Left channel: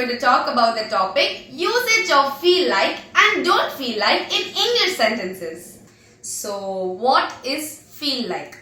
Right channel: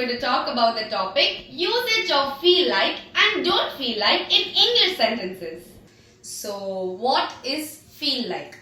going to talk about the topic usage of feel like and don't feel like in English sentences. So, what is feel like?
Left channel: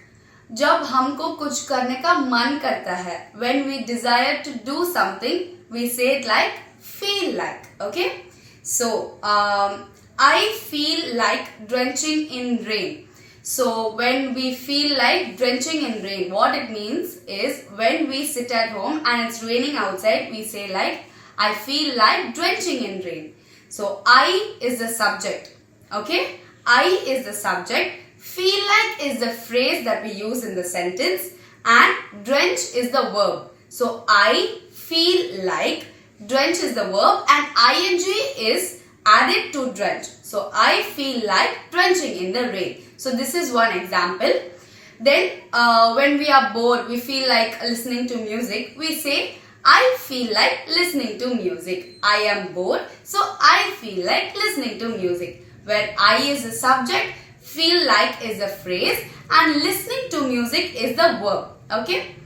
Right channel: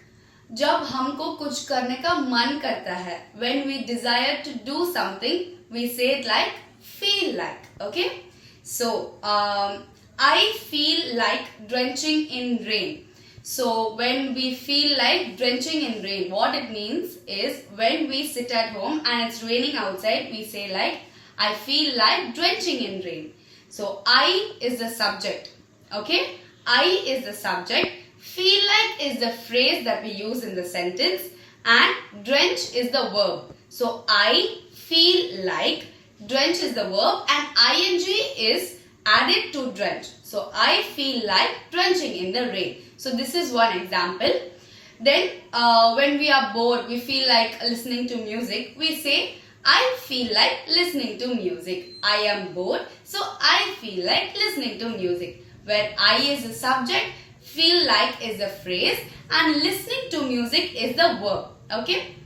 जब हमको कुछ करने का मन करता है, when we desire to do something, we say it like feel like. Okay? So, I feel like drenching in rain. So, when we feel like drenching in rain, what it means is when we sit at home and it's raining outside, we say like, I feel like drenching in rain. So, I is the subject. Okay? I is the subject. Feel like is the phrase that we use in the sentence and drench is the verb. So, I feel like, drench is the verb and ing is added to drench. So, I feel like drenching in the rain. So, this is one example. Then, when we are bored, we feel like listening to music. We say, I feel like listening to music. I am bored, so I feel like listening to music. Where I is the subject, feel like is the phrase and listening to music is the verb. Okay.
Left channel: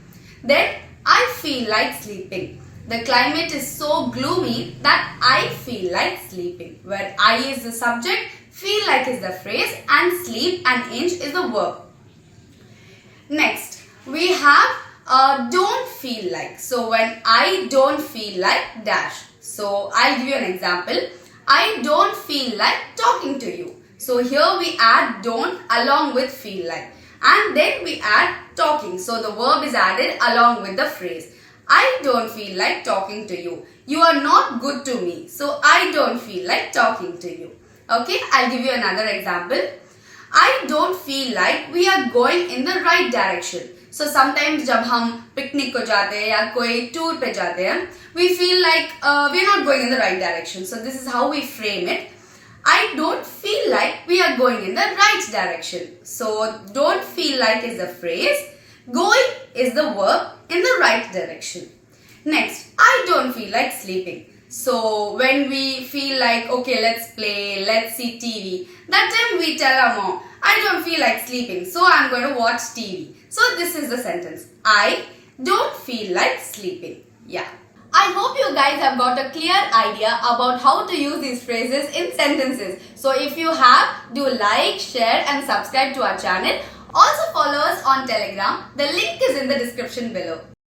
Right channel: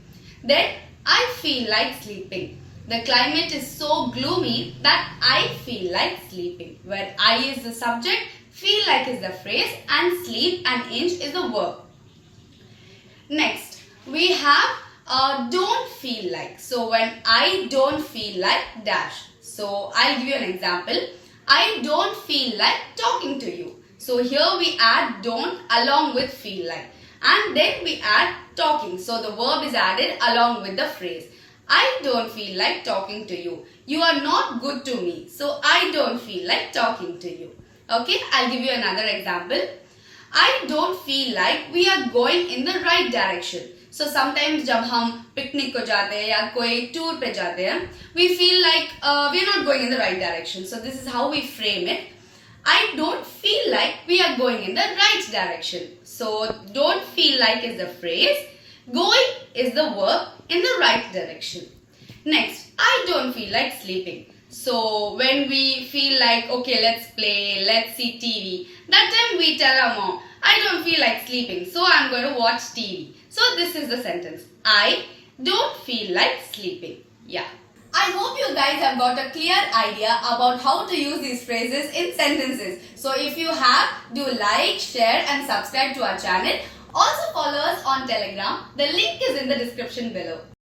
Then, I feel like sleeping. The climate is so gloomy that I feel like sleeping. Where I is the subject, feel like is the phrase and sleep and inch is the verb. Next, we have don't feel like. So, when I don't feel like dash. So, I'll give you an example. I don't feel like talking to you. So, here we add don't along with feel like. And then we add talking. So, the verb is added along with the phrase. I don't feel like talking to you. You are not good to me. So, I don't feel like talking to you. Okay, I'll give you another example. I don't feel like we are going in the right direction. So, sometimes जब हम picnic को जाते हैं या कोई tour पे जाते हैं, we feel like we are not going in the right direction. So, this is how we frame it. I don't feel like we are going in the right direction. So, don't feel like is the phrase. Going is the verb in the right direction. Next, I don't feel like sleeping. So, when we feel like, okay, let's play, let's see TV, that time we tell our mom, I don't feel like sleeping, so I'm going to watch TV. So, this is the sentence. I don't feel like sleeping. Yeah. I hope you guys have got a clear idea about how to use these phrases in sentences. So, if you have, do like, share and subscribe to our channel. Also follow us on Telegram. The link is in the description below.